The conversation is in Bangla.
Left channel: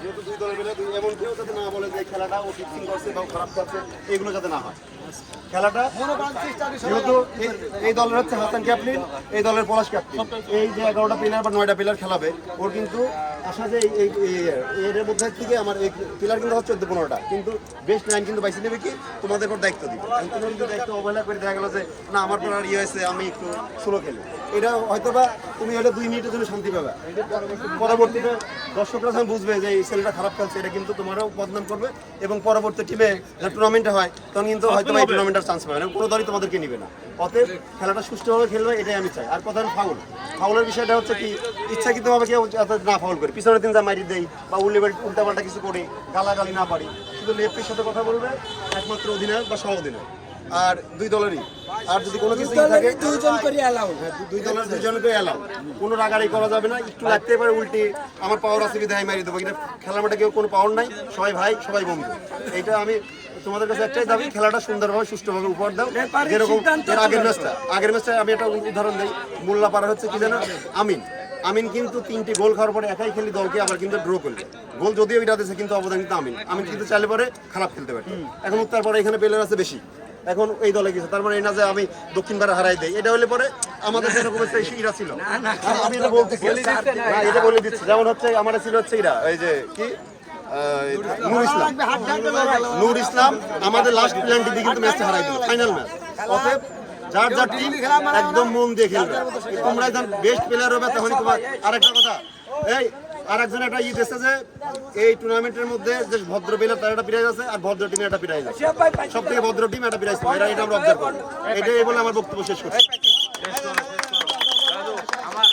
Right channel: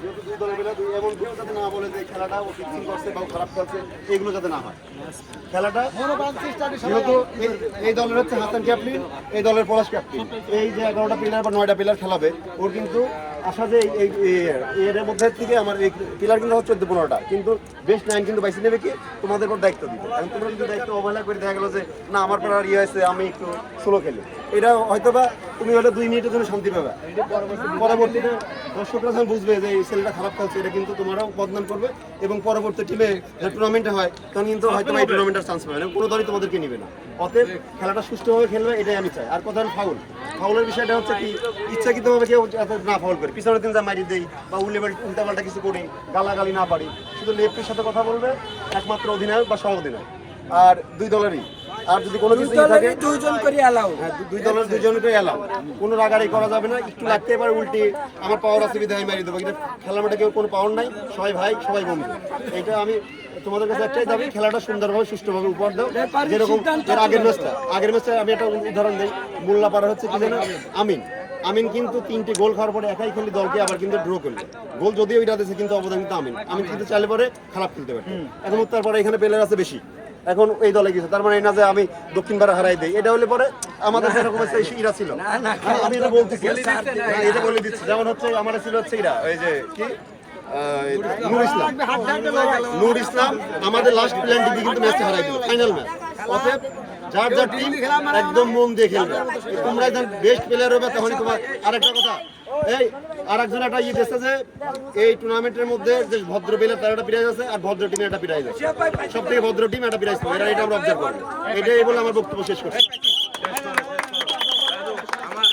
যেহেতু দুই দলের মিলে এমন কেউ যাতে না বলে যে খেলাটা ও ফিক্সিং করছে বা খারাপ খেলছে, এগুলো যাতে না হয়। খেলাটা যেহেতু এই দলের হচ্ছে হাসান ক্যাপ্টেন, এই দলের পলাশ ক্যাপ্টেন, এই যে 11টা প্লেয়ার বা 9টা প্লেয়ার খেলাবে, ওর কিন্তু আশা যে এর মধ্যে থেকে আমার এই প্লেয়ার কিন্তু হচ্ছে 14-15টা, কিন্তু বেস্ট 9 কিন্তু বাইসে নেবে কি তোমাদের উপর দায়িত্ব দিবে। আমি তোমরা যদি দায়িত্ব অবহেলা করে দেখা গেলো যে না আমার প্লেয়ার ইয়ে হয়েছে, আমি একটু স্লো খেলি, এটা হয়তো বা তুমি হলে 2 মিনিটের জন্য শান্তি পাবে, পরবর্তীতে দর্শকরা যখন বুঝবে যে এই ছেলেটা খারাপ খেলছে, এটা কিন্তু তোমারও বদনাম করবে এবং পরবর্তী টিমে টুর্নামেন্টে হয় তখন কিন্তু হয়তো এই টুর্নামেন্টের চান্স পাবে না, কোনো দলই তোমাদেরকে নিবে না। অতএব খেলাটা সুষ্ঠুভাবে খেলবে, এটাই আমি চাই। আর কথা ফাউল, ফাউলের বিষয়টা হচ্ছে কি ইচ্ছাকৃতভাবে কেউ না ফাউল করে পিছনের দিন যা মারি দেই বা উল্টাপাল্টা কিছু করি, গালাগালি না পারি, শুধু লেফটের সাথে কথা বলবে একমাত্র অধিনায়ক বা সহ অধিনায়ক, আর দুই দলেরই। আর যদি কোনো কিছু থাকে দুইজন করে অ্যালাউ, দুই দলের দুইজন করে অ্যালাউ, কোনো রাগারাগি করা যাবে না। একটু লাগতে পারে উল্টে আমার পাওয়ার আছে বিধায় মারি দেবো, কিন্তু খেলার মাঠে কেউ কোনো পাওয়ার নাই, সবাই ভাই সবাই বন্ধু। এইটা আমি তোমাদের কাছে একটাই দাবি, খেলাটা সুন্দরভাবে সুষ্ঠুভাবে উপহার দাও। যেরকম এর আগের ম্যাচটা আমি একটা উদাহরণ দিই, মোল্লাপাড়া হচ্ছে কি জানো, আমিন কিন্তু 3টি গোল খাওয়ার পরে একাই খেলি দলকে আবার কিন্তু ড্র করলো, গোল যদিও এটা দিয়েছে কিন্তু অবদান কিন্তু আমিন কিন্তু চাইলে পরে খারাপ খেলতে পারে। এখন উত্তর পরে এখানে প্লেয়ার আছে বেশি, এখন এই দলে গেছে, তার মানে এই না যে আমি দক্ষিণ পাড়া হারাই দিই, এটা হলে পরে আমাদের সেরকম ইরা ছিল। আমি এটা বলতেছি, এটা বলে দিচ্ছি, যেমন হচ্ছে আমার ছিল হচ্ছে ইরা, এই যে কি নূর ইসলাম আমাদের লাস্ট প্ল্যানটি কিন্তু ম্যাচটা হারাই দিল, ফাইনাল ম্যাচ। অতএব যার যার টিম একদম মন দিয়ে খেলবে, তোমরা যখন বেস্ট প্লেয়ার হবে তখনই তোমার। আরেকটা কথা, এই আরেকজন একটা ইয়ে দিচ্ছে যে এই টুর্নামেন্টের মধ্যে যে ভদ্র প্লেয়ার তার একটা প্রাইজ আছে, আর ভদ্র টিমের একটা প্রাইজ আছে, সব থেকে ভদ্র টিম একটা প্রাইজ পাবে, এটা আমরা অবজার্ভ করবো। এটাই বলে আমার বক্তব্য শেষ করছি।